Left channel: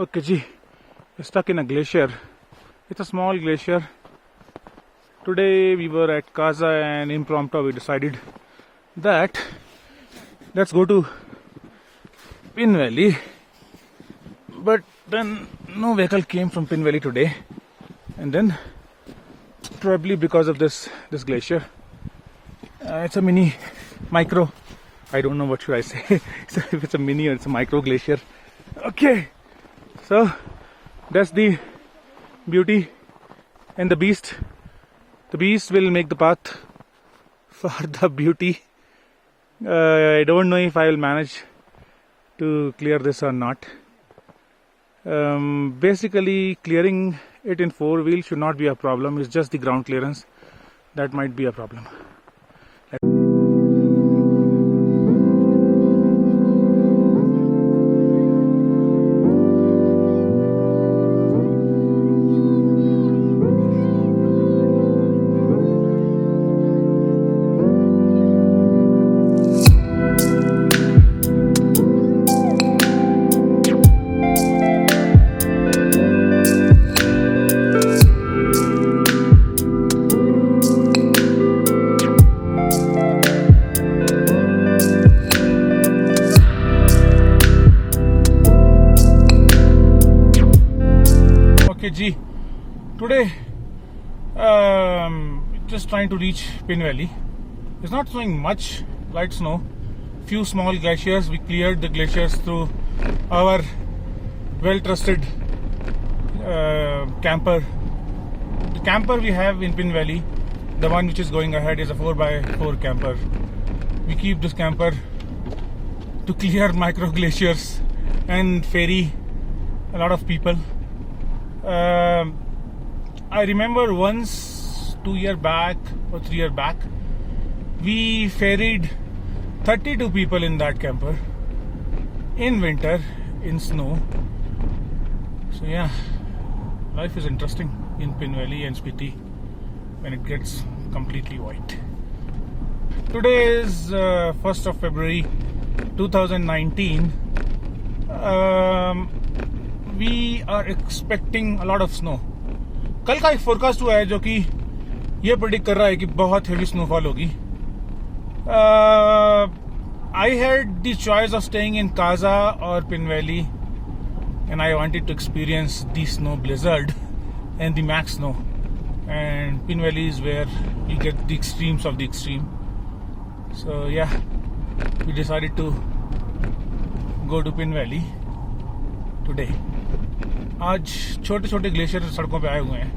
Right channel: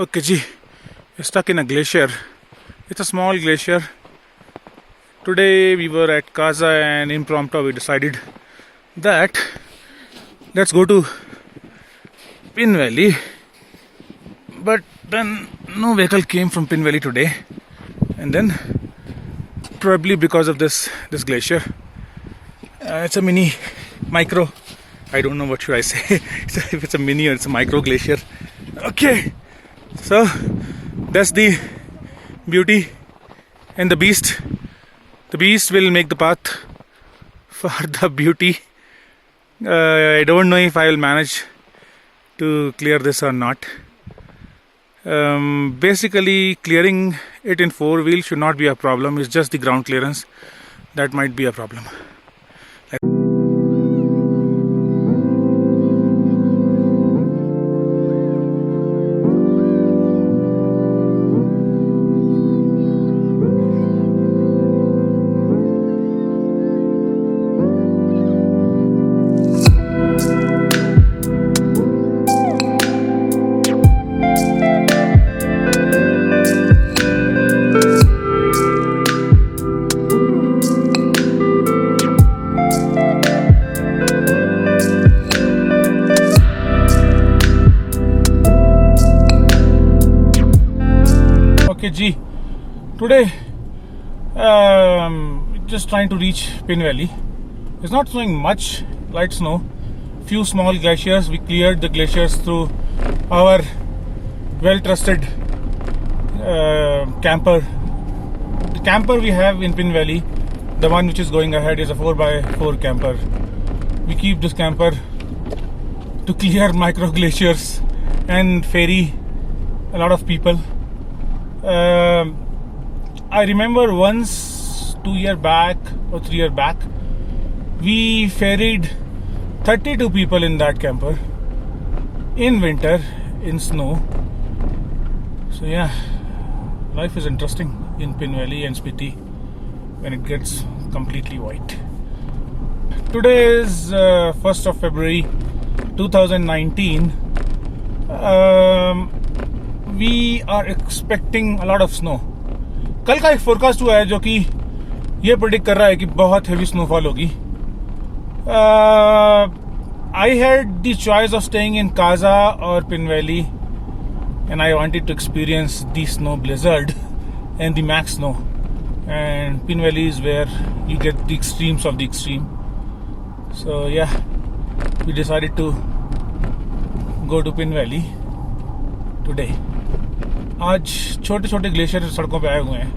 Okay, G, we're stuck in a glacier. It's a small glacier. Today we were at Kaza and impromptu we decided that let's go to Pin Valley. But then no vehicle came from Pin Valley today. And then probably because of this glacier. It's a micro. I don't know what should I say. If it's a mini or it's a micro glacier. Okay. So that's the beauty and the beast. The beast will make the path for the beauty. I don't know if I will manage to clear this or not. Basically, clearing it in four wheel should not be a problem. It's just the ground clearance that might be a problem. Okay, G. Today, just trying to reach Pin Valley. It's not snowing much, light snow. Few small glaciers. We cleared the glaciers through our well-trusted camper. The camper we have in Pin Valley, the one which is going ahead, is a 4x4 camper. We keep this camper to clear micro glaciers and ferry a lot of people. I remember once 2 years back or 3 years back, we ferried 32 people in that camper in winter, in snow. So yeah, life is interesting in Pin Valley and Spiti when it gets completely white. Today is 1st of February 2019. We are expecting a lot of snow. कल का एक forecast हुआ है जो कि ये predict कर रहा है कि बहुत हेवी स्नोफॉल होगी. I had the choice of staying in Kaza or Pin Valley, and I wanted to experience the snow blizzard and the max snow. And Pin Valley is where you get the extremes of the extreme. So yeah, we decided to go to Pin Valley today. आज छोटे छोटे glacier सड़कों पे आए हुए हैं.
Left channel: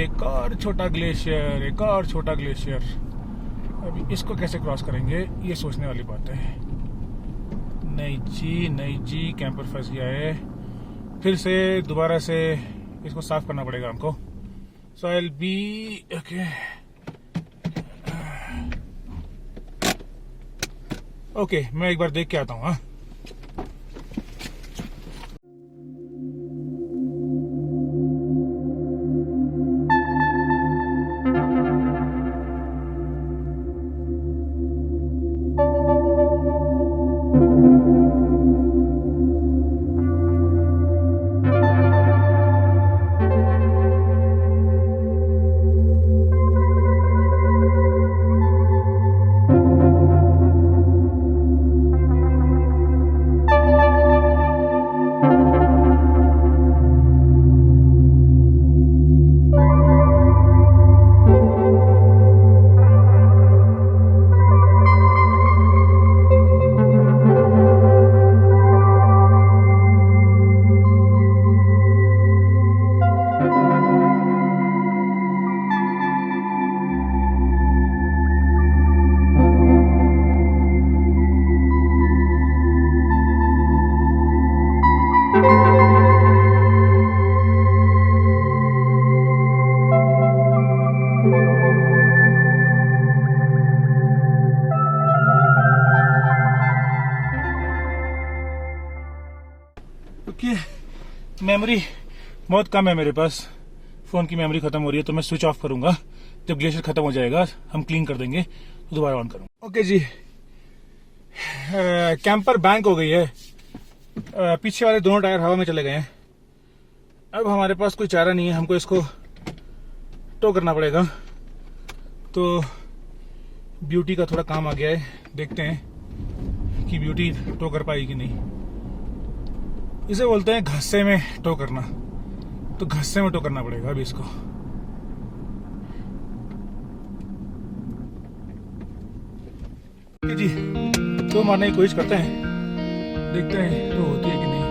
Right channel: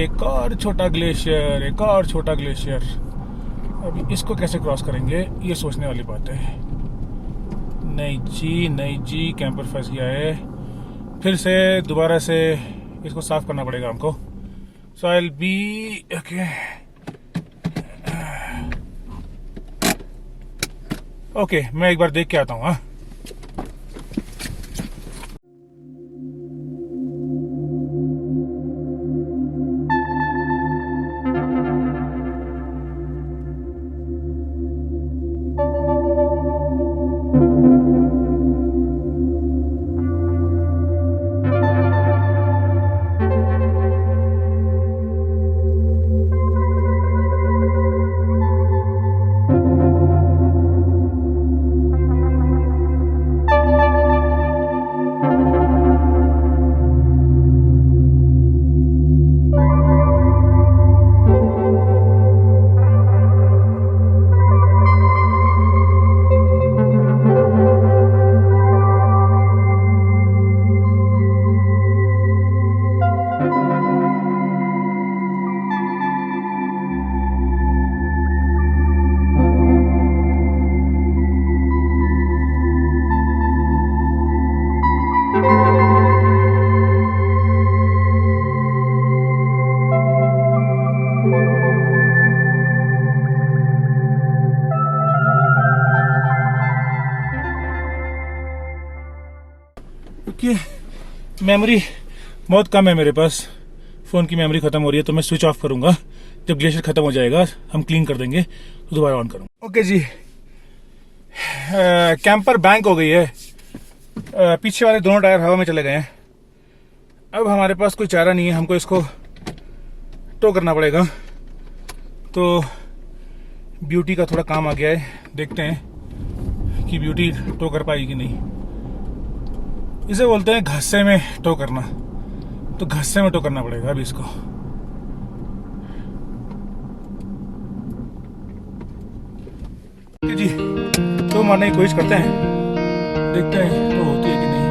एक और छोटा ग्लेशियर, एक और छोटा ग्लेशियर. अभी इसको कैसे क्रॉस करेंगे ये सोचने वाली बात है. नहीं जी कैंपर फंस गया है. फिर से दोबारा से इसको साफ करना पड़ेगा हमको. सो आई विल बी ओके. मैं एक बार देख के आता हूँ. हाँ, मेमोरी बहुत कम है मेरे पास. फ़ोन की मेमोरी ख़त्म हो रही है तो मैं स्विच ऑफ करूँगा. जब ग्लेशियर ख़त्म हो जाएगा हम क्लीन कर देंगे तो दोबारा ऑन करूँगा. ओके जी, कैंपर बैंक हो गई है. पीछे वाले दोनों टायर हवा में चले गए हैं। अब हमारे पास कोई चारा नहीं है, हमको इसको टो करना पड़ेगा। तो ब्यूटी का थोड़ा काम आ गया है, देखते हैं कि ब्यूटी टो कर पाएगी कि नहीं। इसे बोलते हैं घस्से में टो करना, तो घस्से में टो करना पड़ेगा अभी इसको। जी टो मारने की कोशिश करते हैं, देखते हैं टो होती है कि नहीं।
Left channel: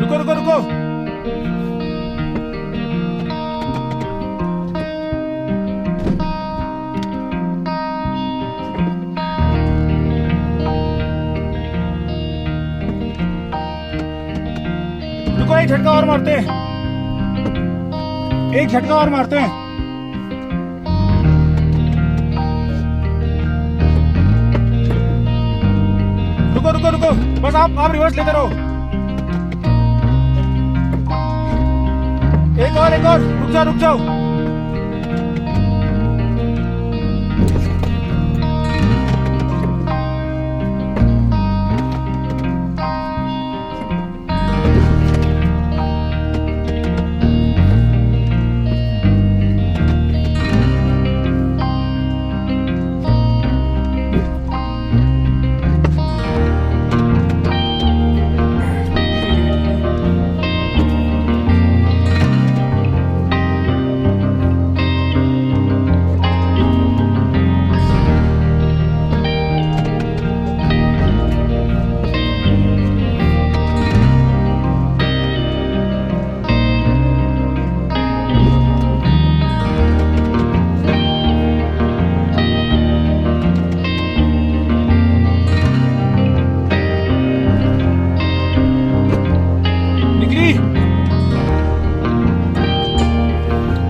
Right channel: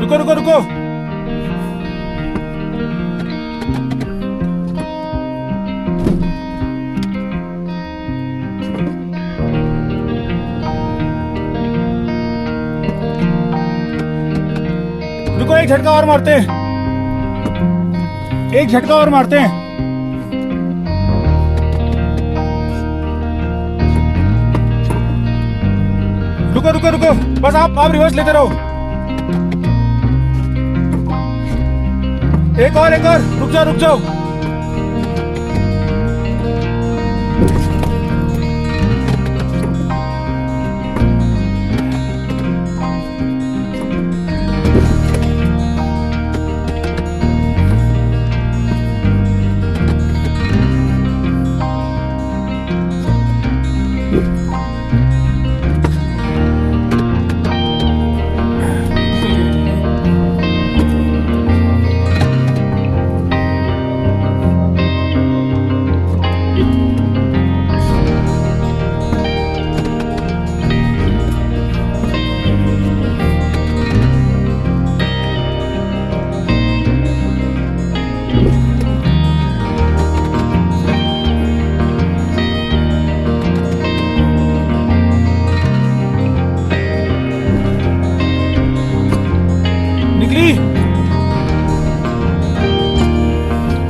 रुको रुको रुको, रुको, एक झटका और मारते हैं, एक झटका और मारते हैं। रुको रुको रुको, बस आप रिवर्स लेते रहो। एक और, रुक जाओ रुक जाओ।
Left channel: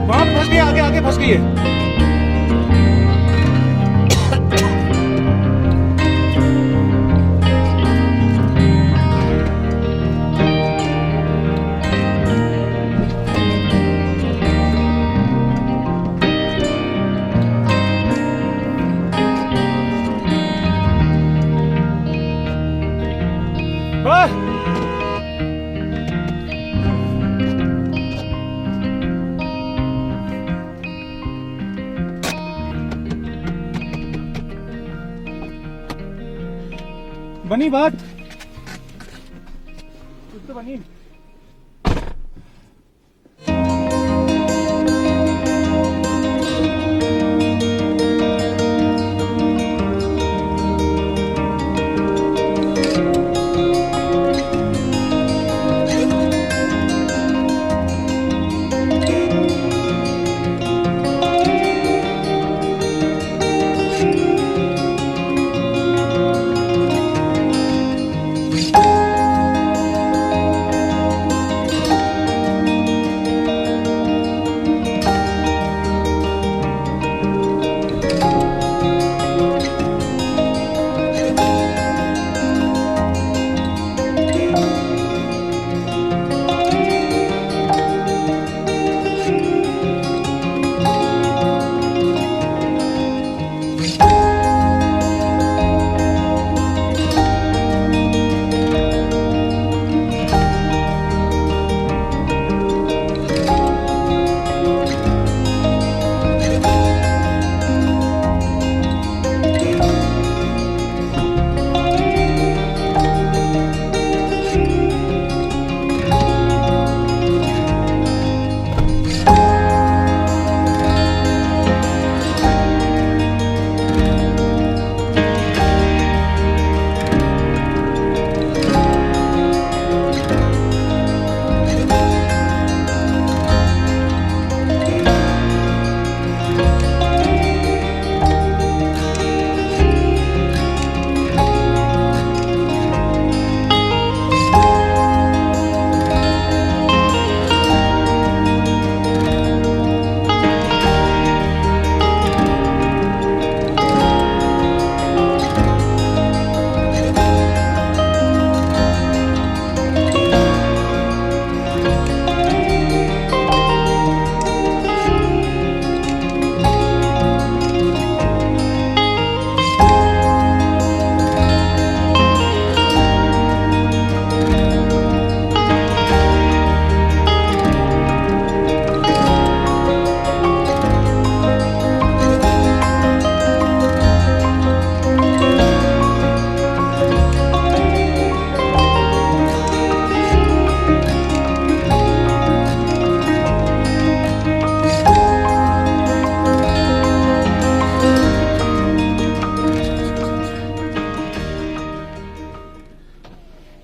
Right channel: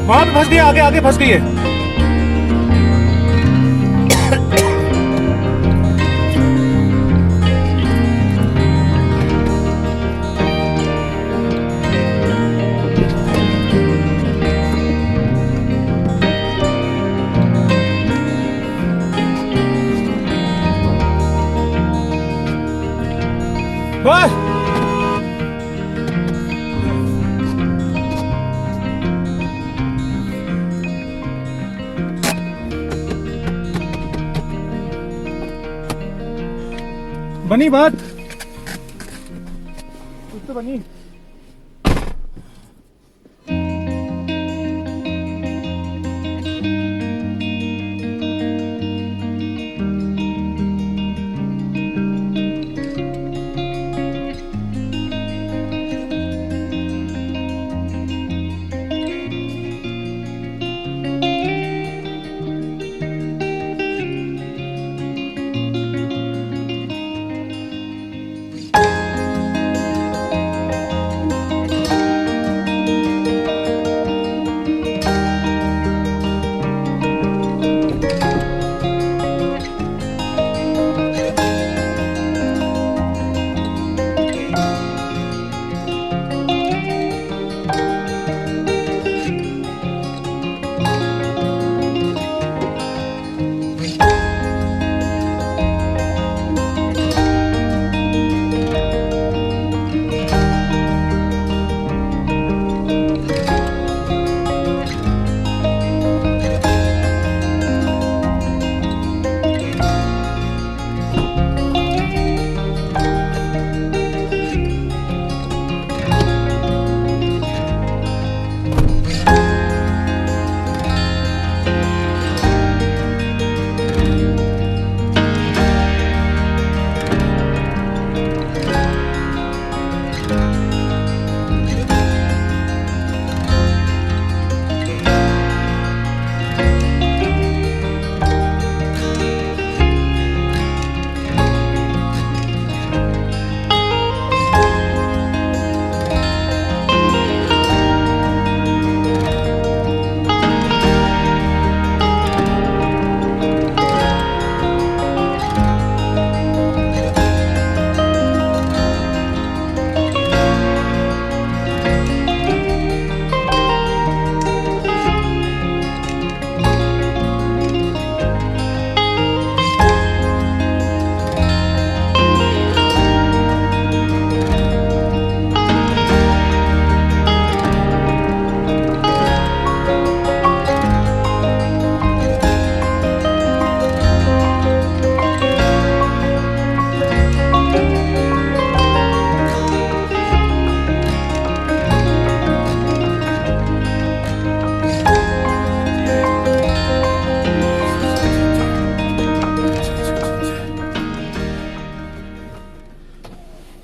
वहां पे फंस गई, आगे आगे फंस गई है। बस बनी बात, कुछ तो बनी।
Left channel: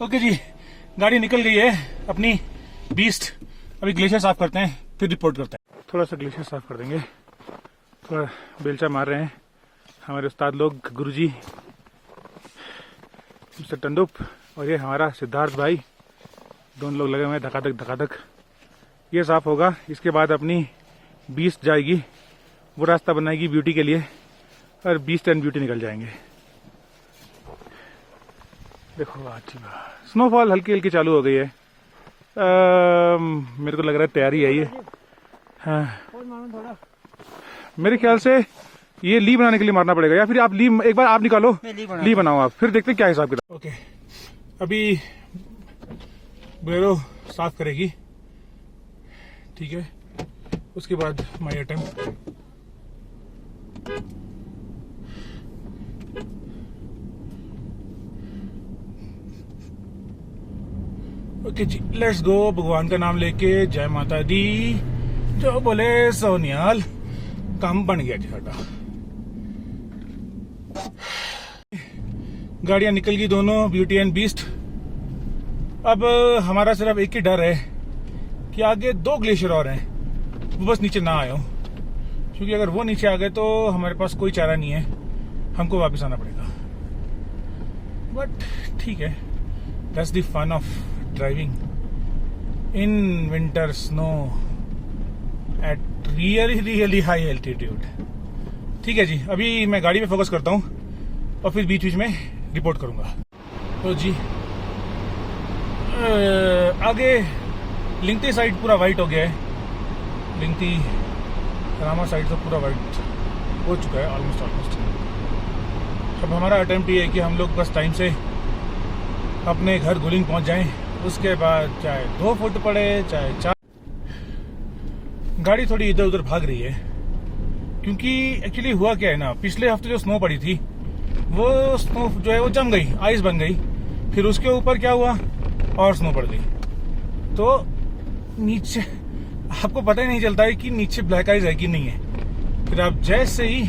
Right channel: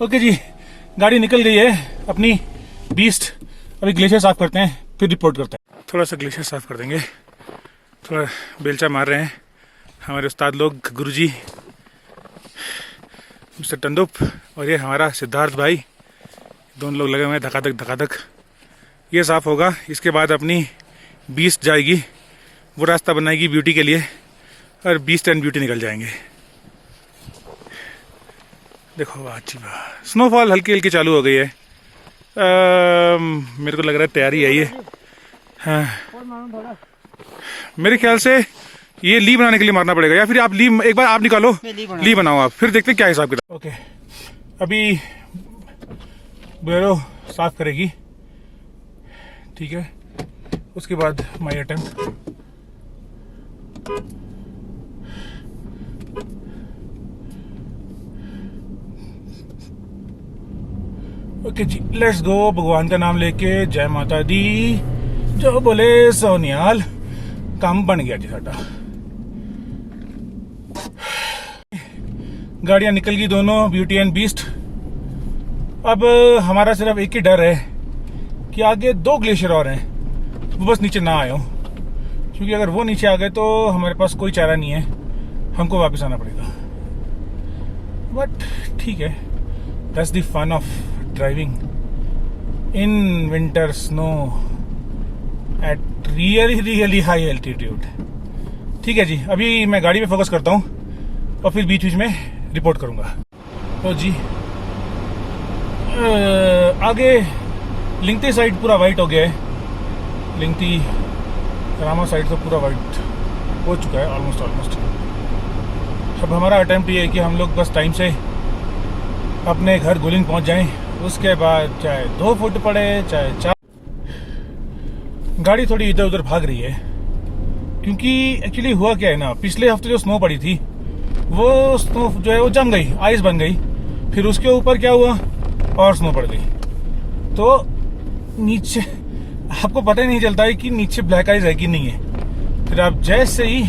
ओके जी, गाड़ी निकल गई है अपनी बीस्ट। अभी ग्लेशियर साफ करते हैं, फिर रिपोर्ट करते हैं। थोड़ा सा ग्लेशियर साफ कर देंगे। थोड़ा बेलचा मार रहे हैं हमारे उस्ताद लोग, गुरुजी मिस्टर टंडुप और ये हमारा सिद्धार्थ भाई, दोनों लोग लगे हुए हैं धकाधक। ये साफ होगा, इसके बाद अपनी बीस्ट जाएगी, वो रास्ता बनाएगी ब्यूटी के लिए, और बीस्ट एंड ब्यूटी निकल जाएंगे। देखो अच्छी बात, स्नोफॉल हल्की हल्की चालू हो गई है। मेरे को लग रहा है तैयारी है ये। हाँ, मेरे ख्याल से ये ली बनाने के लिए मारना पड़ेगा, या फिर आप ली एक बार आप निकालो, ली बनाओ आप, फिर देखते हैं क्या हिसाब किताब। ओके, अभी बोलेरो साफ करेगी, ठीक है, उसके बाद माई अटेम्प्ट। ओके जी, लेट्स गो। भगवान का नाम लेके, जय माता दी, जो बोले सोनियाल। काम बन गया जी साडा। गाड़ियां निकल गई दोनों, ब्यूटी एंड बीस्ट। अब हमारा सिर्फ एक ही डर है कि आगे 2 ग्लेशियर और हैं, वो बस नीचे ना आए हो, क्योंकि अगर वो नीचे आ गए तो हमारे पास कोई चारा नहीं है, हमको वापस आना पड़ेगा। बट ठीक है, that's the fun of driving in winter snow at really high altitude. ठीक है जी, अभी मैं गाड़ी पे फोकस करता हूँ और फिर बीच बीच में रिपोर्ट करूंगा। तो जी आगे लिंगती साइड पूरा वाइट हो गया है, लिंगती रामा साइड तो पूरा वाइट हो चुका है ऑलमोस्ट। अब हमारा अटेम्प्ट ये है कि हम लोग बस टाइम से अपने घर गुलिंग पहुंच जाएं, उसके बाद चाहे 2 फुट पड़े चाहे 4। गाड़ी थोड़ी इधर उधर भाग रही है, क्योंकि एक्चुअली हुआ क्या है ना, पिछले हफ्ते जो स्नो पड़ी थी वो स्नो जो है वो जम गई, आइस बन गई, फिर उसके ऊपर क्या हुआ और स्नो पड़ गई, तो नीचे आपको पता ही नहीं चलता है कि नीचे ब्लैक आइस है कि नहीं है। फिर आप जैसे ही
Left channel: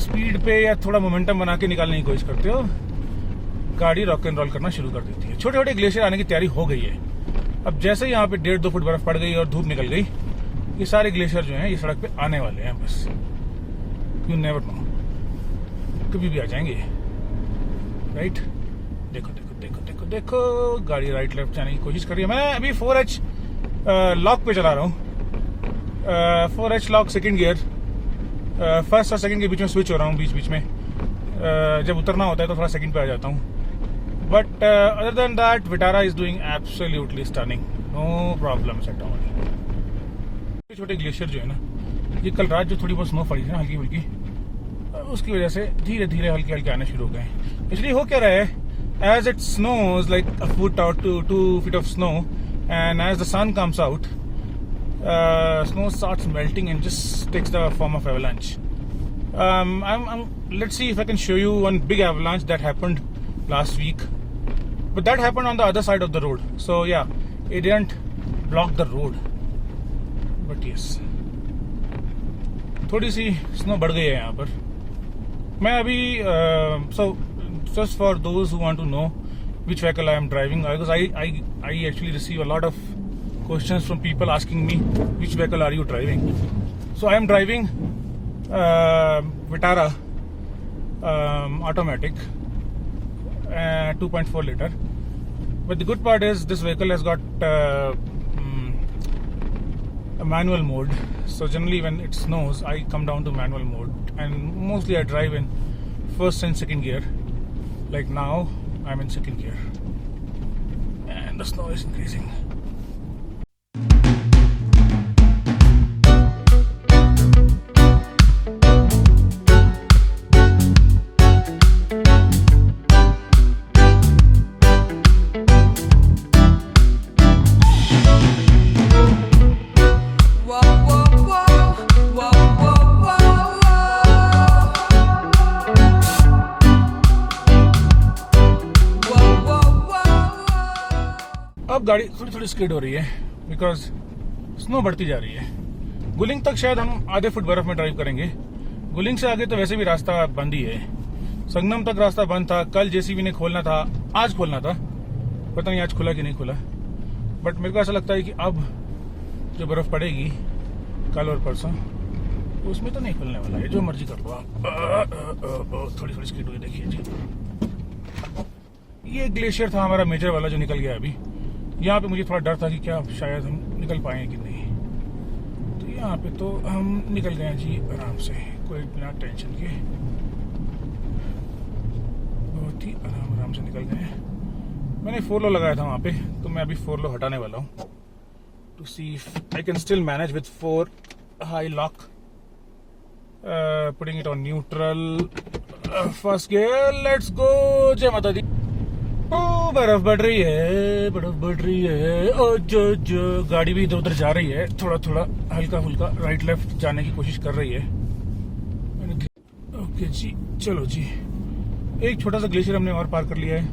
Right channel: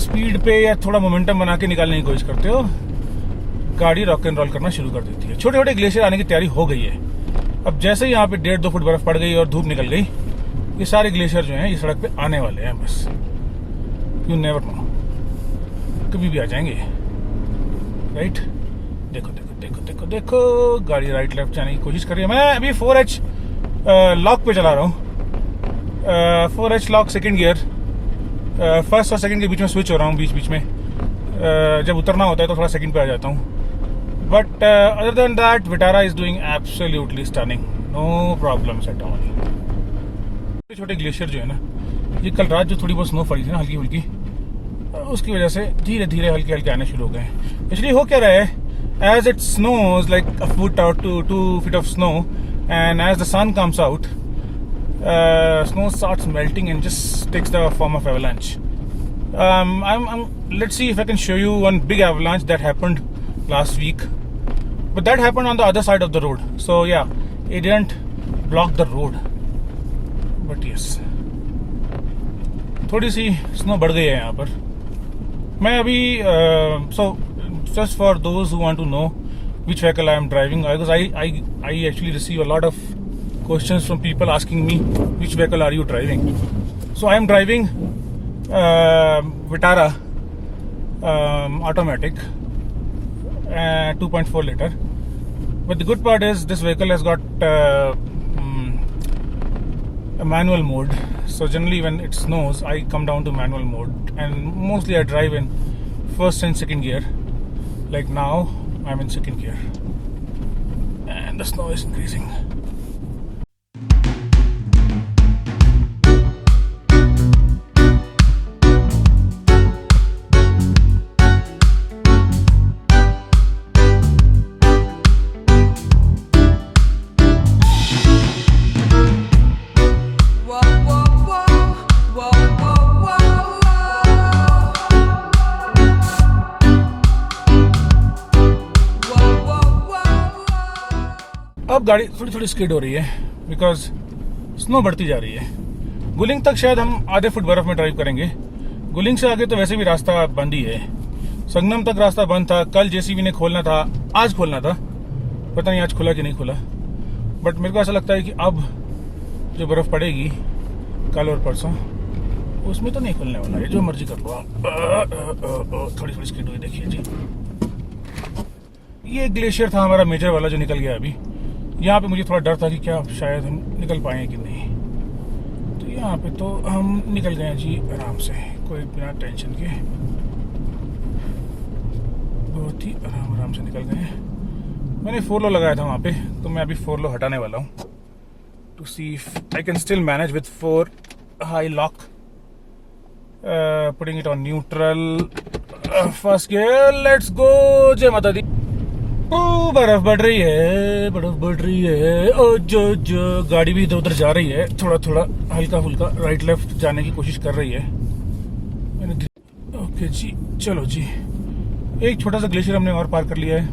स्पीड पे या थोड़ा मोमेंटम बना के निकालने की कोशिश करते हो, गाड़ी रॉक एंड रोल करना शुरू कर देती है। छोटे छोटे ग्लेशियर आने की तैयारी हो गई है। अब जैसे ही यहाँ पे 1.5-2 फुट बर्फ पड़ गई और धूप निकल गई, ये सारे ग्लेशियर जो हैं ये सड़क पे आने वाले हैं। बस यू नेवर नो, कभी भी आ जाएंगे। राइट, देखो देखो देखो देखो देखो, गाड़ी राइट लेफ्ट जाने की कोशिश कर रही है। मैं अभी 4H लॉक पे चला रहा हूँ, 4H lock second gear, first और सेकंड के बीच में स्विच हो रहा हूँ बीच बीच में। जब उतरना होता है तो थोड़ा सेकंड पे आ जाता हूँ। But other than that, Vitara is doing absolutely stunning, no problems at all. छोटे छोटे ग्लेशियर जो है ना, ये कल रात जो थोड़ी बहुत स्नो पड़ी थी ना हल्की फुल्की, उसकी वजह से धीरे धीरे हल्के हल्के आने शुरू हो गए। इसलिए हो क्या रहा है, as it snows like a foot or 2 feet of snow, and as the sun comes out, snow starts melting and just takes the form of avalanche. Let's see if I can show you one big avalanche that happened last week, but that happened on the other side of the road, so yeah, it didn't block the road, but yes, थोड़ी सी snow बढ़ गई है यहाँ पर। मैं अभी so just for those who want to know which vehicle I am driving, because I actually receive a lot of questions from people asking me which vehicle are you driving. So I am driving Vitara automatic 2.4 liter, but the good part is this vehicle has got a manual mode, so generally when it snows I come down to manual mode, and mostly I drive in first and second gear. Like now I'm in second gear and the snow is increasing. अब गाड़ी थोड़ी थोड़ी skid हो रही है because snow बढ़ती जा रही है। गुलिंग तक शायद हम आधे फुट बर्फ में ड्राइव करेंगे, गुलिंग से आगे तो वैसे भी रास्ता बंद ही है, संगम तक रास्ता बंद था। कल जेसीबी ने खोलना था, आज खोलना था, पता नहीं आज खुला कि नहीं खुला। बट मेरे को ऐसा लगता है कि अब जो बर्फ़ पड़ेगी कल और परसों, उसमें तो नहीं खुलने वाला है। जो मर्जी कर लो आप। थोड़ी थोड़ी स्पीड हुई, देखिए जी। ये ग्लेशियर था हमारा मेजर वाला जो निकल गया अभी। यहाँ पे मुझे थोड़ा डर था कि क्या शायद हम निकल पाएंगे कि नहीं, तो यहाँ पे तो हम निकल गए जी आराम से, कोई बिना टेंशन के, बहुत ही आराम से निकल गए। मैंने 4 लो लगाया था वहाँ पे, तो मैं अभी 4 लो हटाने वाला हूँ to see if I can still manage with 4 high lock. Putting it on neutral, first gear, let's go. जय माता दी। ओ बर्फ बढ़ रही है, बर्फ बढ़ रही है। ओ जो गाड़ी भी इधर उधर जा रही है, थोड़ा हल्का फुल्का राइट लेफ्ट जाने की कोशिश कर रही है। ओके जी, चलो जी। एक छोटा सा ग्लेशियर हमने और पार कर लिया है।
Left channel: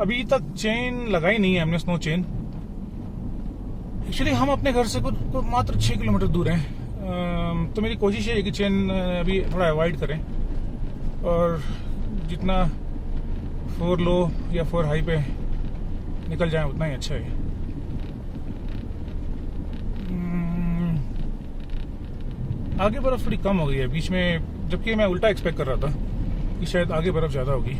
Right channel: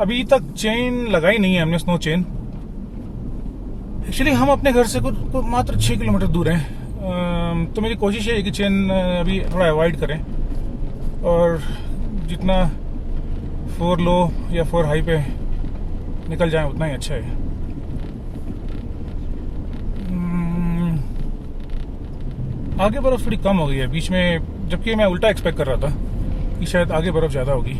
अभी तक चेन लगाई नहीं है हमने, स्नो चेन। एक्चुअली हम अपने घर से कुछ मात्र 6 किलोमीटर दूर हैं, तो मेरी कोशिश है कि चेन अभी थोड़ा अवॉइड करें और जितना 4 लो या 4 हाई पे निकल जाए उतना ही अच्छा है। आगे बर्फ थोड़ी कम हो गई है बीच में, जबकि मैं उल्टा एक्सपेक्ट कर रहा था कि शायद आगे बर्फ ज़्यादा होगी।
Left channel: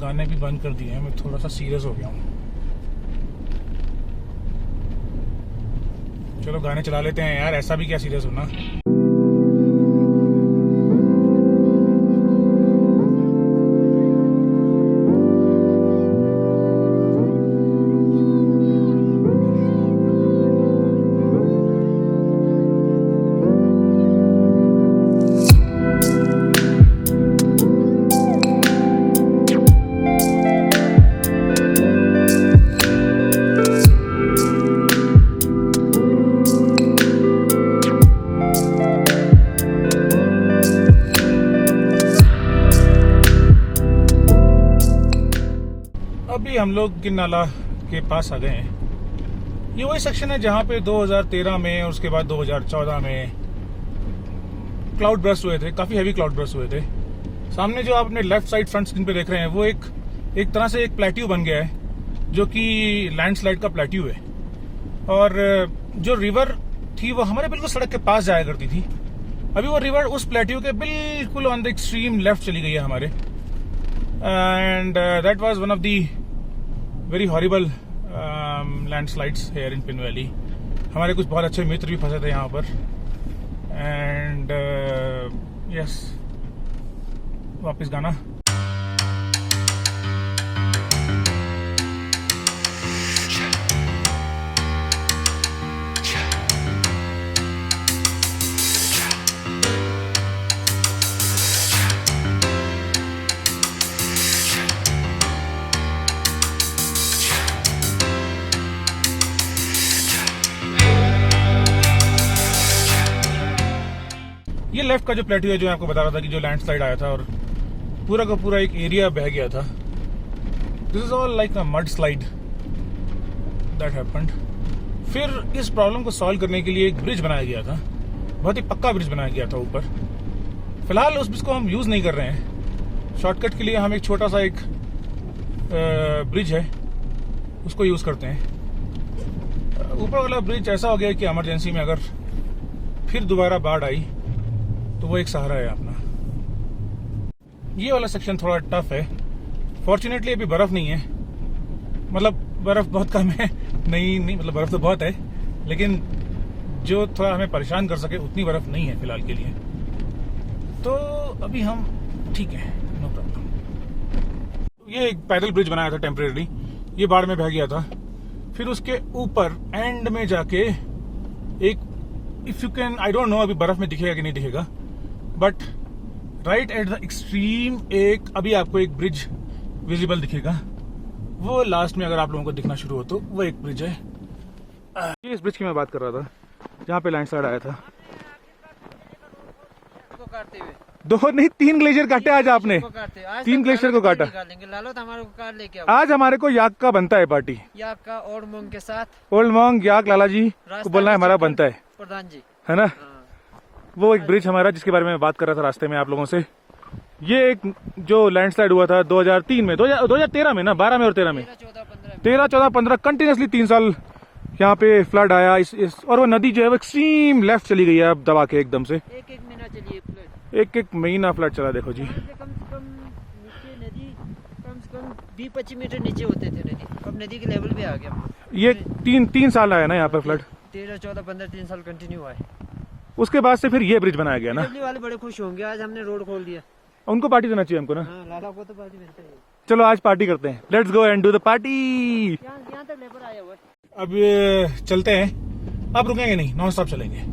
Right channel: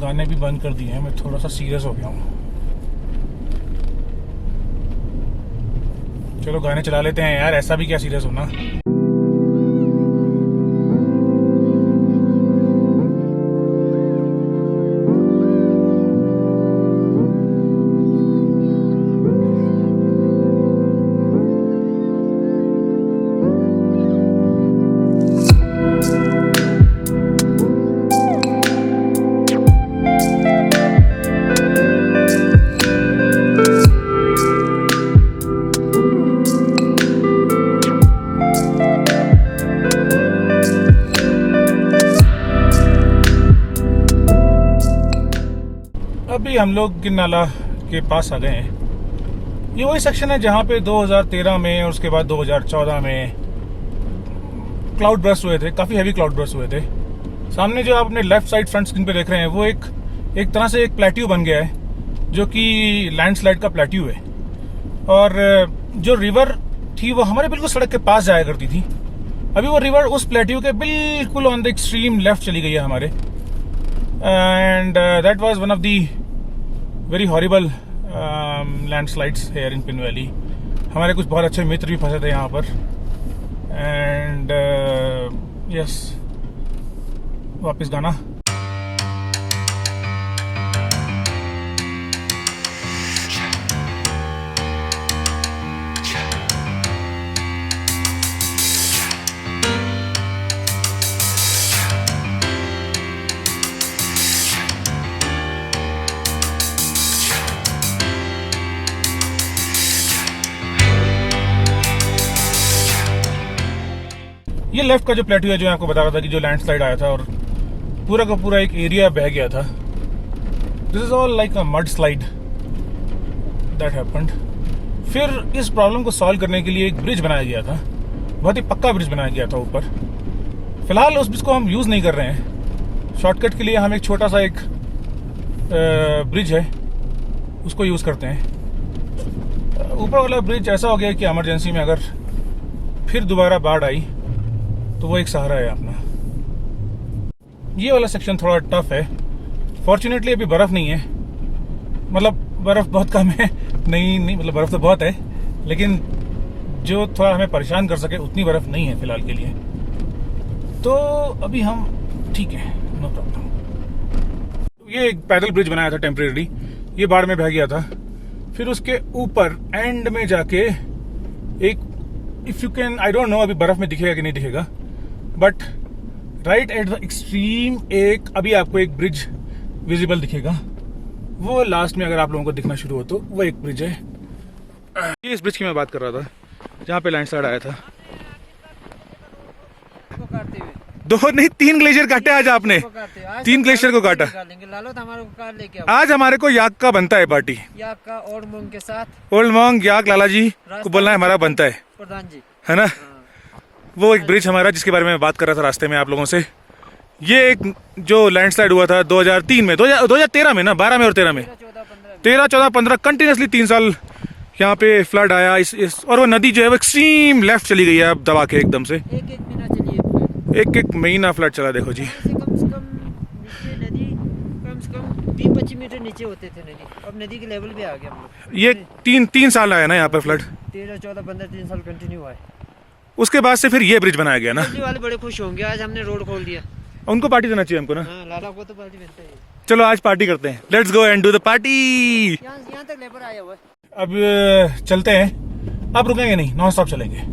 गाने भी बंद कर दिए हैं, मैं थोड़ा सा सीरियस हो गया हूँ। चलो गाने चला लेते हैं यार, ऐसा भी क्या सीरियस होना। अभी हम लोग गिरनाला के पास आ गए हैं। ये वही सेक्शन है जहाँ पे 2013 में और उसके बाद 2014 में क्लाउड बर्स्ट हुए थे, काफ़ी हैवी क्लाउड बर्स्ट हुए थे। सामने जो आप अपने लेफ्ट साइड फ्रंट स्क्रीन पे देख रहे हैं वो एक तरह से एक प्लेट्यू बन गया है, जो कि लैंडस्लाइड का प्लेट्यू है। और जो रिवर थी वो हमारे बिल्कुल सड़क के पास जाया करती थी, अभी वो रिवर उस प्लेट्यू के बिल्कुल ऑन द एक्सट्रीम लेफ्ट चली गई है हमारे। And that was one of the very horrible landslides here in pin valley. हमारे कुछ बहुत अच्छे मित्र भी फंसे थे यहाँ पर। एंड यस, वापस गाना। ये लेफ्ट का जो प्लेट्यू है, जो आपको बता रहा था कि जो लैंडस्लाइड आया था और पूरा का पूरा एक एरिया बह गया था। This is all like a mud slide that happened. फिर इस प्रॉब्लम को सॉल्व करने के लिए एक ब्रिज बनाया गया था, बहुत ही पक्का ब्रिज बनाया गया था ऊपर। फिलहाल उस ब्रिज को हम यूज नहीं कर रहे हैं, शॉर्टकट के लिए हम एक छोटा सा एक ब्रिज है उसको यूज करते हैं। ऊपर वाला ब्रिज ऐसा हो गया कि इमरजेंसी में अगर फिर दोबारा बाढ़ आई तो वो एक सहारा है अपना। ये वाला सेक्शन थोड़ा टफ है। फॉर्चुनेटली अभी बर्फ नहीं है, मतलब बर्फ बहुत कम है। नहीं मतलब बर्फ तो बहुत है, लेकिन जो थोड़ा हमें परेशान कर सके उतनी बर्फ नहीं है फिलहाल के लिए। तो अभी हम ठीक है, नो प्रॉब्लम। ये एक पैदल ब्रिज बनाया था टेम्परेरी, ये बाढ़ में बह गया था। फिर उसके ऊपर एंड में जाके एक, if you can, I don't know अभी बर्फ में दिखेगा कि नहीं दिखेगा, but right at the extreme एक अभी आपको एक ब्रिज विजिबल दिखेगा। वो लास्ट में अगर आप लोगों को दिखना शुरू हो तो वो एक ब्रिज है। ये इस ब्रिज की मैं बात कर रहा था जहाँ पे लैंडस्लाइड आया था। 2 नहीं 3 ग्लेशियर काटे आज आपने। 3 ग्लेशियर को काटा। लालो तो हमारे को कार लेके आओ। आज हमारे को याक का बनता है पार्टी। याक का ओल्ड मोंग के साथ। ओल्ड मोंग याक लाला जी को बोलना है हमारा बनता है प्रधान जी, है ना। वो एक ब्रिज हमारा जिसके बारे में बात कर रहा था रास्ते में आप लोगों से। ये एक जो लैंडस्लाइड हुआ था 2003 में, 2013 में ना, 12 में और 13 में, 13, 14, 15 कंटिन्यूसली 3 साल यहाँ पे फ्लड आया इस और वो नदी जो है वो एक्सट्रीम लेफ्ट चली गई है अब दबा के एकदम से। एक महीना फ्लड चला देखो जी। कम से कम नीचे नदी कम से कम 20-25 मीटर नीचे होते थे नदी, अब नदी के लेवल पे आ गया। ये 3 साल आया ना यहाँ पर फ्लड। 13, 14, 15 3 साल कंटिन्यू हुआ है। उसके बाद से फिर ये ब्रिज बनाया गया ना। दिल्ली वाले बड़े खुश होंगे आज हमने रोड खोल दिया। उनको पार्टी देना चाहिए हमको ना। हाँ, लाला को तो पार्टी मिलता है। चलो आज पार्टी करते हैं। Let's go and do the party. यहाँ तक लेबर आया हुआ है। अब चलते हैं। अब रुकेंगे नहीं, नॉन स्टॉप चलेंगे।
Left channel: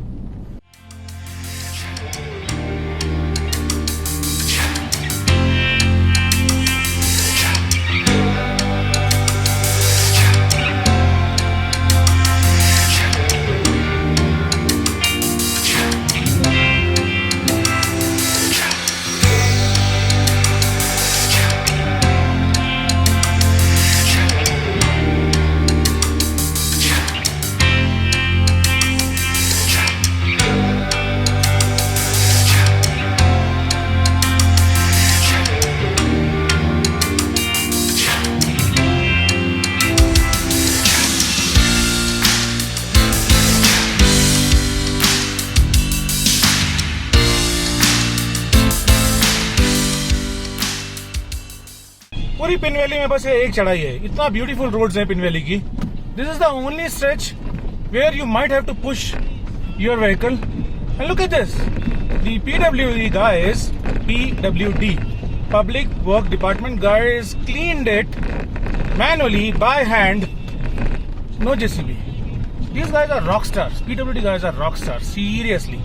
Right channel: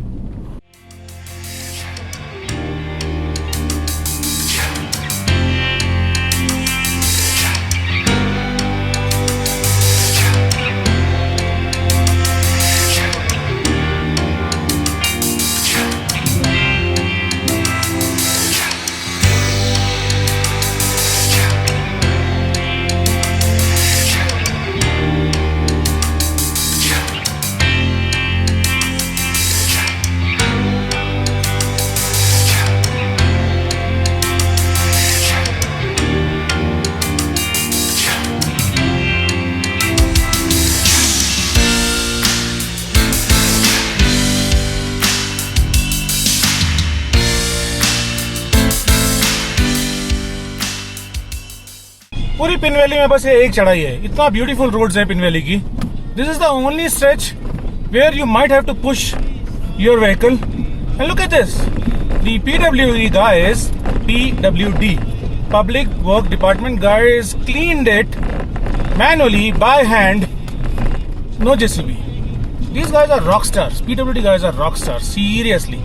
पूरी पिन वैली में बस ये एक चढ़ाई है। इतना ब्यूटीफुल रोड्स हैं पिन वैली की। This is the only stretch where you might have to push your vehicle and look at this. The PWD guys, PWD, Public Work Department guys cleaned it manually by hand. No JCB. These guys are rock stars. PWD guys are rock stars. Seriously.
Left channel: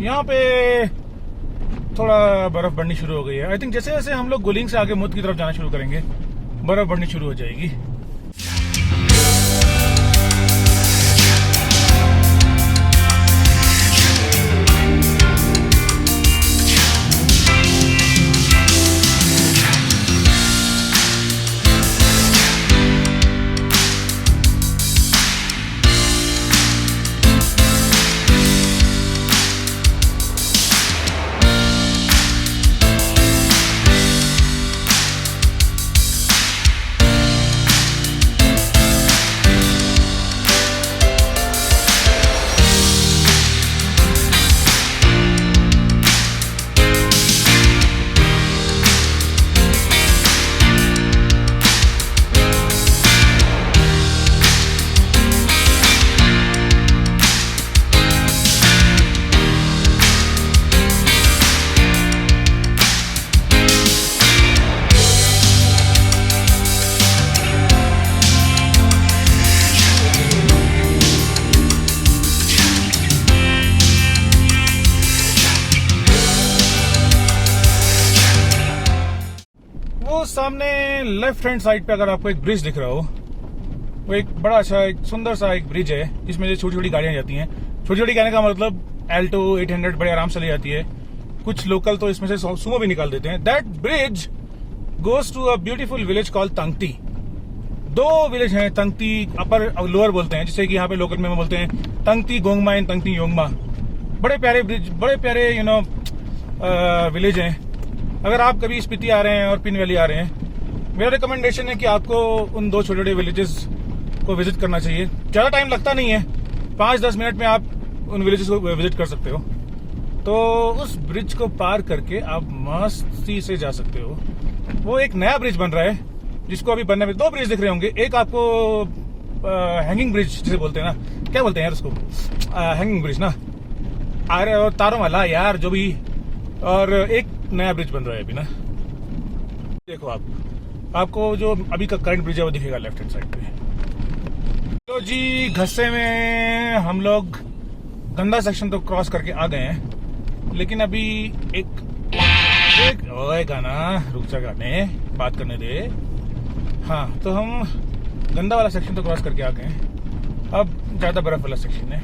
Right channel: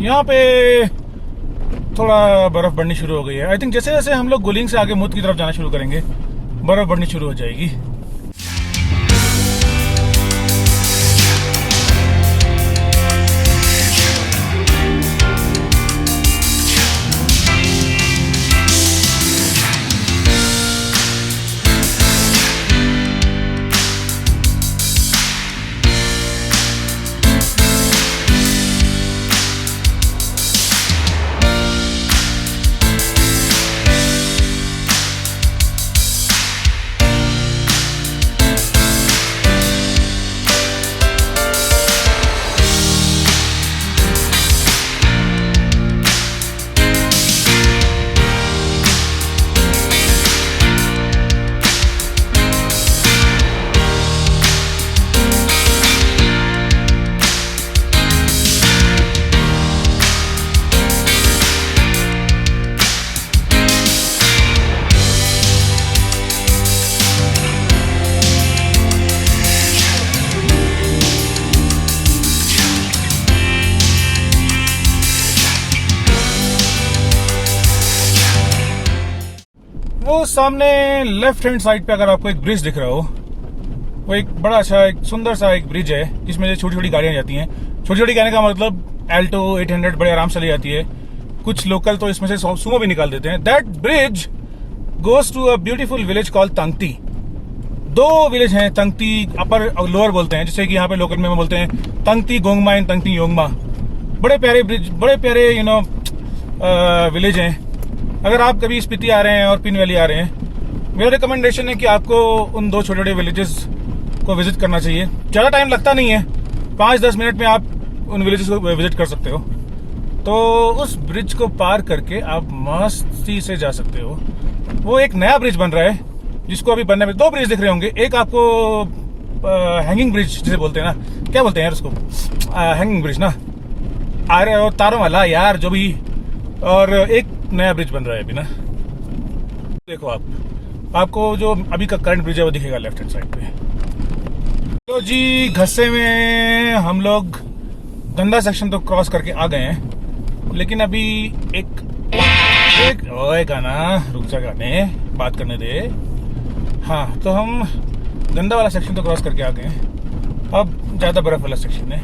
यहाँ पे थोड़ा बर्फ बढ़नी शुरू हो गई है। I think जैसे जैसे हम लोग गुलिंग से आगे मुद की तरफ जाना शुरू करेंगे बर्फ बढ़नी शुरू हो जाएगी। वो सामने लेफ्ट हैंड साइड पे अगर आपको एक ब्रिज दिख रहा हो, वो एक बड़ा अच्छा एक सुंदर सा एक ब्रिज है जिसमें छोटी छोटी गाड़ियां जाती हैं। छोटी छोटी कहने का मतलब एल्टो 800 बड़े आराम से ले जाती है। कुछ लोकल तो इसमें से सुमो भी निकाल देते हैं। That bridge goes to a beautiful village called Tangti. दो विलेज हैं, तंगती अपर और लोअर बोलते हैं, जैसे कि यहाँ पे लोकल में बोलते हैं तंगती गोंगमा एंड तंगती योंगमा। बड़े प्यारे ब्रिज, बड़े प्यारे विलेज हैं। अगर आप कभी स्पीति आ रहे हैं और पिन वैली आ रहे हैं, मेरा रिकमेंडेशन है कि आपको उन दो छोटे छोटे विलेजेस को विजिट करना चाहिए। ज़्यादा टाइम लगता नहीं है, 5-10 मिनट में आप उन विलेजेस को विजिट कर सकते हो। तो उस ब्रिज को पार करके आप मस्ती से जा सकते हो। वो एक नया ब्रिज बन रहा है, जिसको अभी बनने में 2 ब्रिज दिख रहे होंगे। एक आपको हैंगिंग ब्रिज जिसे बोलते हैं ना, क्या बोलते हैं यार उसको, हैंगिंग ब्रिज ना, तारों वाला यार जो भी, और एक नया ब्रिज बन रहा है अभी ना। देखो आपको जो अभी का करंट ब्रिज है वो दिखेगा लेफ्ट हैंड साइड पे। तो जी घस्से में हम लोग गंदा सेक्शन तो क्रॉस करके आ गए हैं, लेकिन अभी एक ओए गाना रुक जा, गाने बात करने दे। हाँ, तो हम गंदा वाला सेक्शन तो क्रॉस करके आ गए हैं। अब ज़्यादा बर्फ वाला सेक्शन है।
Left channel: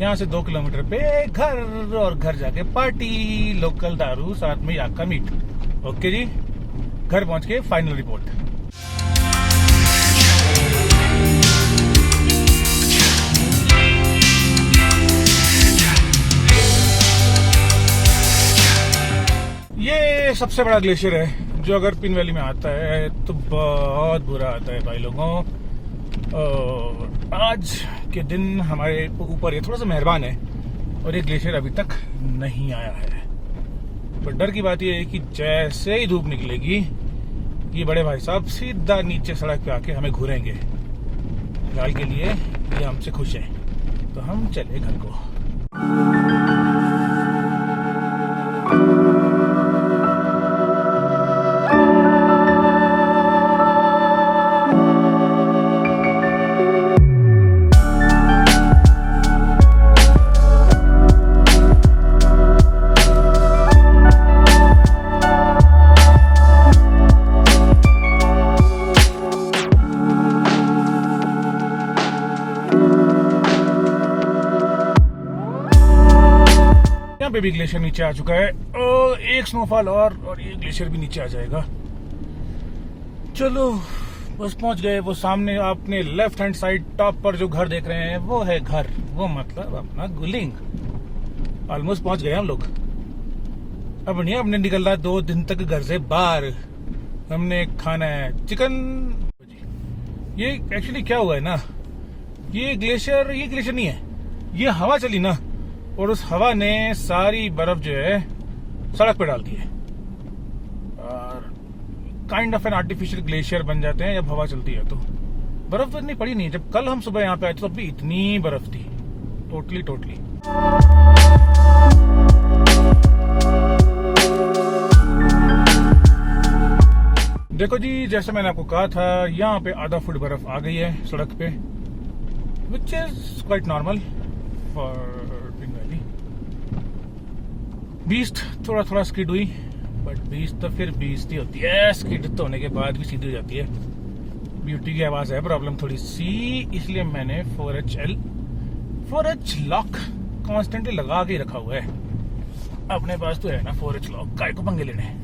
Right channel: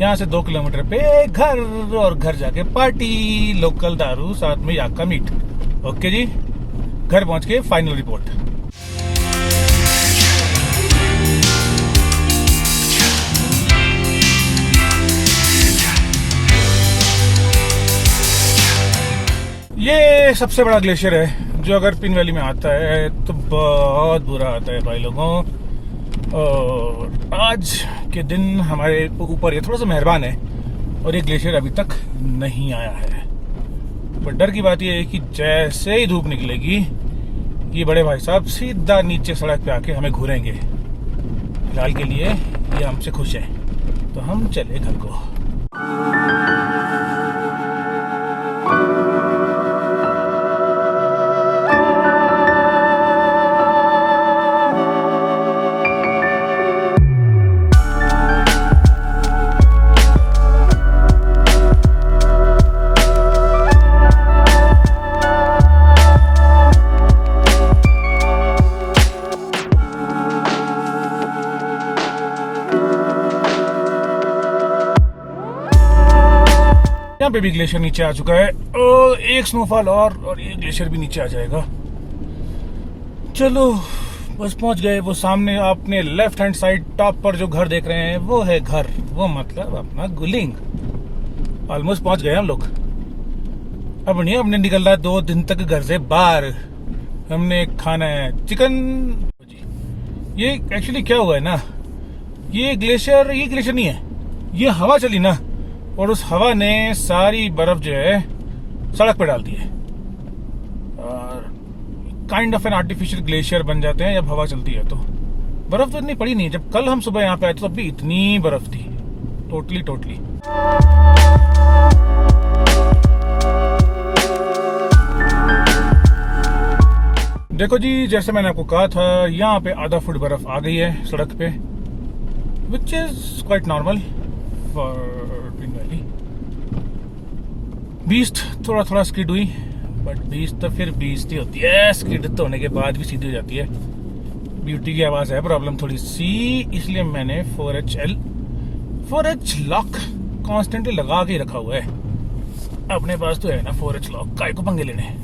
यहाँ से 2 किलोमीटर पे घर, और घर जाके पार्टी, लोकल दारू, साथ में याक का मीट। ओके जी, घर पहुँच के फाइनल रिपोर्ट। ये सबसे बड़ा ग्लेशियर है जो अगर पिन वैली में आता है तो बहुत बुरा आता है भाई लोगों। और आज के दिन हमारे ऊपर ये थोड़ा सा मेहरबान है और ये ग्लेशियर अभी तक नहीं आया है। पर डर की बात ये है कि जैसे ही धूप निकलेगी ये बड़े भाई साहब सीधा नीचे सड़क पे आके हमें घूरेंगे। फिलहाल के लिए ये हमसे खुश है, तो हम चले घर को। यहाँ पे भी ग्लेशियर नीचे आ चुका है। एक स्नोफॉल और ये ग्लेशियर भी नीचे आ जाएगा। चलो बस पहुंच गए। वो सामने आपने लेफ्ट हैंड साइड टॉप पर जो घर देख रहे हैं वो है घर, वो मतलब अपना गुलिंग। ऑलमोस्ट पहुंच गए हम लोग। अब नहीं, हमने निकलना है 2 दिन तक घर से बाहर। हमने खाना है चिकन। ये एक्चुअली क्या हुआ है ना, ये ग्लेशियर नहीं है, ये हवा चली ना, और उस हवा ने सारी बर्फ जो है सड़क पे डाल दी है। और kind of an artificial glacier बन जाते हैं जब हवा चलती है। तो बर्फ तो इतनी पड़ी नहीं। जब कल हम सुबह यहाँ पे आए तो तब भी इतनी बर्फ थी, टोटली। देखो जी, जैसे मैंने आपको कहा था, यहाँ पे आधा फुट बर्फ आ गई है सड़क पे, which is quite normal for pin valley. Beast थोड़ा स्किड हुई, बट बीस्ट तो फिर बीस्ट ही होती है, स्किड तो होने के बाद भी सीधी हो जाती है। ब्यूटी की आवाज है प्रॉब्लम थोड़ी सी, इसलिए मैंने 4H लॉक कॉन्स्टेंटली लगा के रखा हुआ है। अपने पास तो है ना 4H लॉक, काय को पंगे लेने।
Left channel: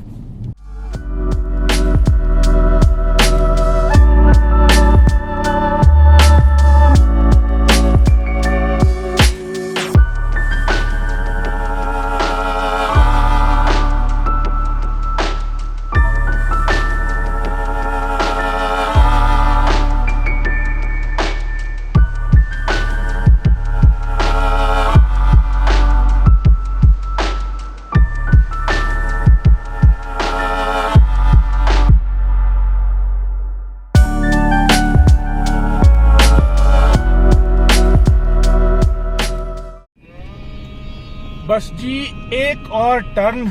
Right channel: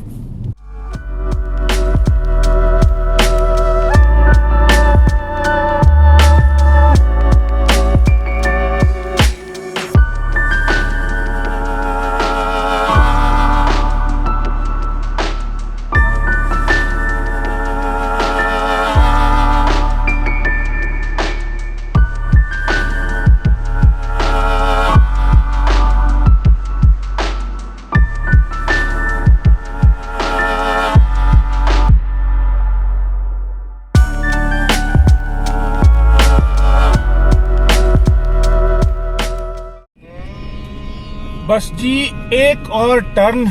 बस जी एक और टर्न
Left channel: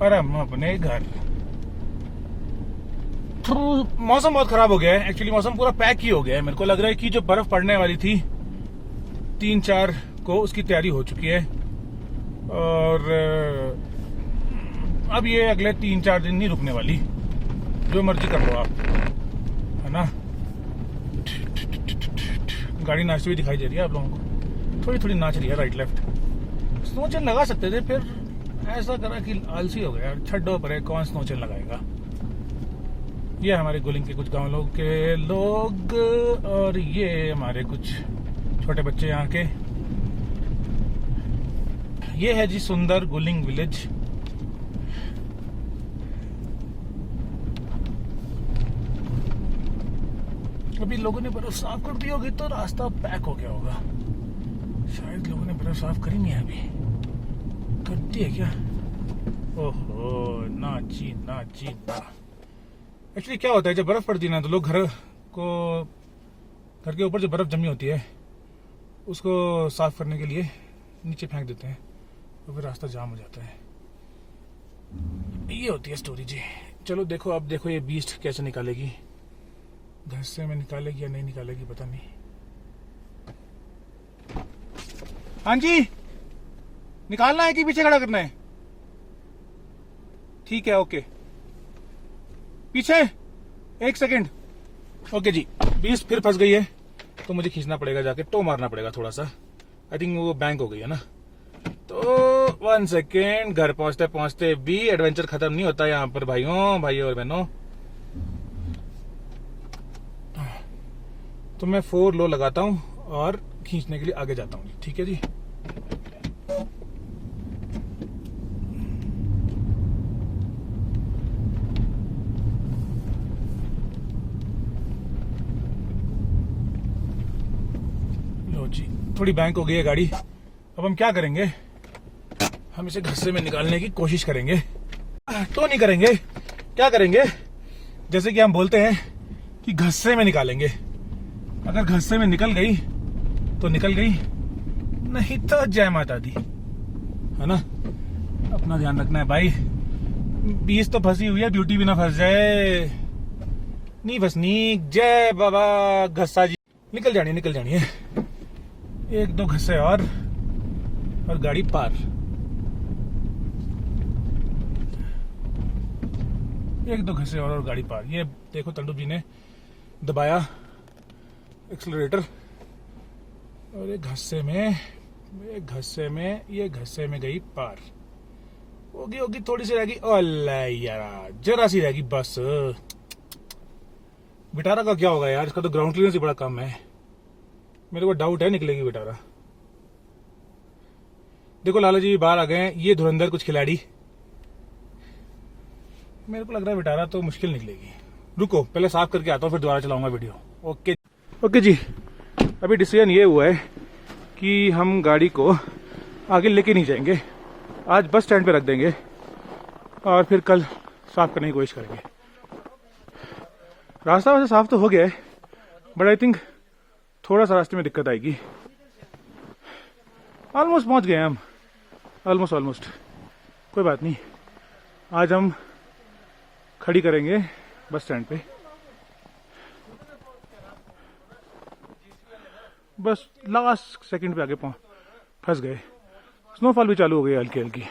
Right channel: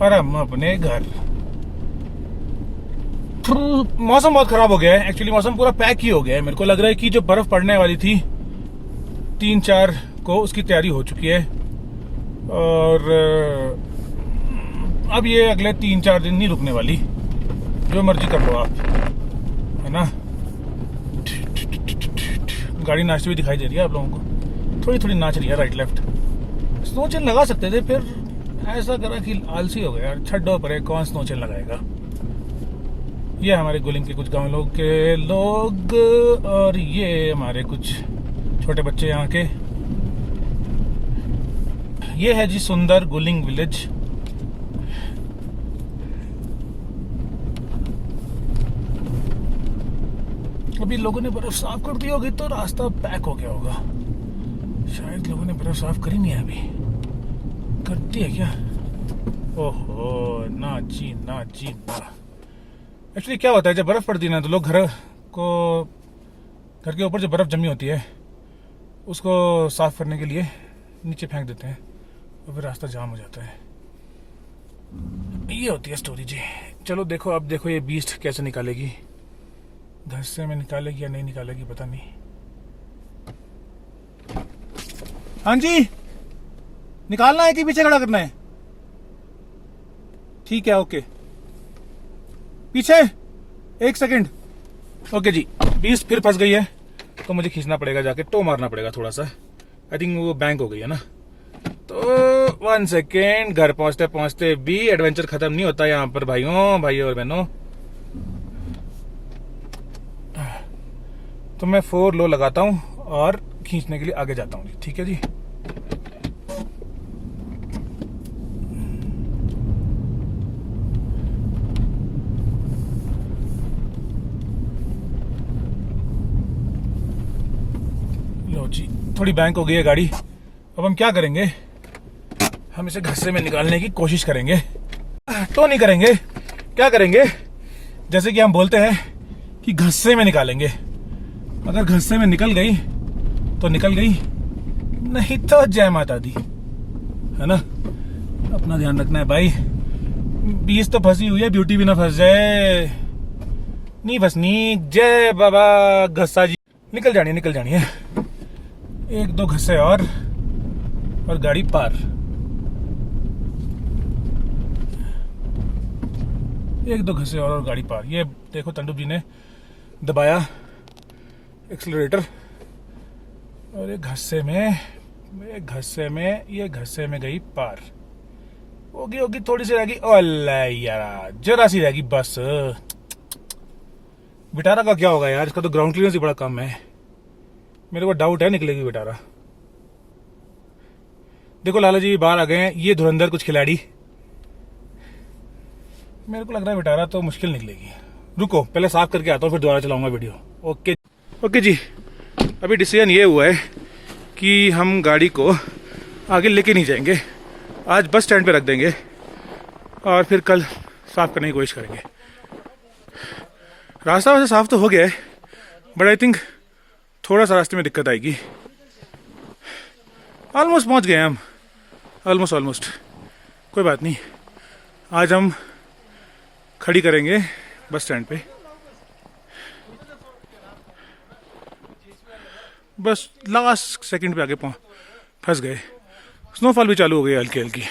पर हम अपने घर। मौसम बहुत खराब हो गया है। एक्चुअली मौसम पूरा पैक ही हो गया है। मेरे को लग रहा है कि जो बर्फ पड़ने वाली थी 3-4 को, उसकी तैयारी हो चुकी है। और अब ये अगले 3-4 दिन नहीं रुकने वाली। जो मर्जी कर लो आप, है ना। गाड़ी नाचती हुई दिखाई दे रही है आप लोगों को, थोड़ी नाच रही है राइट लेफ्ट। स्नो चेन लगा सकते थे, फिर ऐसा करा कि आलसी हो गया यार, छड्डो पर कौन स्नो चेन लगाएगा। ये हमारे गुलिंग के कुछ गांव लोग के लोग, और ये हमारे कुछ छोटे बच्चे यहाँ के। ये है जी सुंदर गुलिंग विलेज। अभी लोगों ने बर्फ साफ कर दी होगी तो रास्ता पैक हो गया होगा। शायद लोगों ने बर्फ साफ करी नहीं है अभी। करती है क्या? ओहो, ना जी ना जी ना। एक्चुअली क्या होता है, जब बर्फ पड़ती है ना तो लोग घर के ऊपर जो बर्फ जमी होती है उसको साफ करने के लिए नीचे फेंक देते हैं और फिर रास्ता जाम हो जाता है। ये होती है स्टोरी जी। चलो देखो, अब देखो ये बीस्ट कैसे निकालेगी। घर से में निकालेगी या नहीं निकालेगी पता नहीं। हाँ जी, निकालना है कि पीछे खड़ा करना है? ठीक है, ओके। पीछे 1 सेकंड। ओके जी, बीस्ट फिर फंस गई है तो मुझे खींचना पड़ेगा, जाके टो मारना पड़ेगा थोड़ा सा। आई थिंक वो बैंक हो गई है ना। तो 1 सेकेंड। घर पहुंचते पहुंचते भी एडवेंचर खत्म नहीं होता यहाँ पर भाइयों और बहनों। तो मैं 4 लो लगाता हूँ और खींचने के लिए आगे जाता हूँ। ठीक है जी। लो जी, थोड़ी बैंक हो गई है गाड़ी। अब हम क्या करेंगे, हम इसे घस्से में निकालने की कोशिश करेंगे। तो नहीं करेंगे, क्या करेंगे, जैसे कि हम बोलते हैं कि घस्से में निकालेंगे। अगर घस्से में निकल गई तो निकल गई, नहीं तो जय माता दी, है ना। अपना ध्यान रखना है भाई। बीस तो फंसी हुई है, ब्यूटी भी ना फंस जाए। नहीं फंसनी। जय बाबा घस्सा जी। निकल जानी है। 1-2 घस्से और गाड़ी पार। 1-2 घस्से और गाड़ी पार। ये देखो तंडू जी ने दबाया एक्सीलरेटर और ये घस्से में गई पार। होगी थोड़ी सी रहेगी। ओला यार, जरा सी रहेगी बस। विटारा का क्या होगा यार, इसका तो ग्राउंड क्लियरेंस ही बड़ा कम है। मेरे को डाउट है निकलेगी विटारा। देखो लाला जी बाहर आ गए हैं, ये धुरंधर कुछ खिलाड़ी। मेरे को लग रहा है विटारा तो मुश्किल निकलेगी। रुको पहले साफ करके आता हूँ, फिर दोबारा चलाऊंगा वीडियो। ओके जी, अभी डिसीजन ये हुआ है कि हम गाड़ी को आगे लेके नहीं जाएंगे। आज बस स्टैंड पे रख देंगे और फिर कल साफ करने की कोशिश करेंगे। रास्ता वैसे साफ तो हो गया है, बट आई थिंक थोड़ा सा रास्ते में दिक्कत आएगी। ऑलमोस्ट पहुंच गए हम, ऑलमोस्ट। कोई बात नहीं, आज हम खड़ी करेंगे बस स्टैंड पे। बस लास्ट सेकंड पे आके फंस गए। स्नोफॉल भी चालू हो गई हल्की हल्की।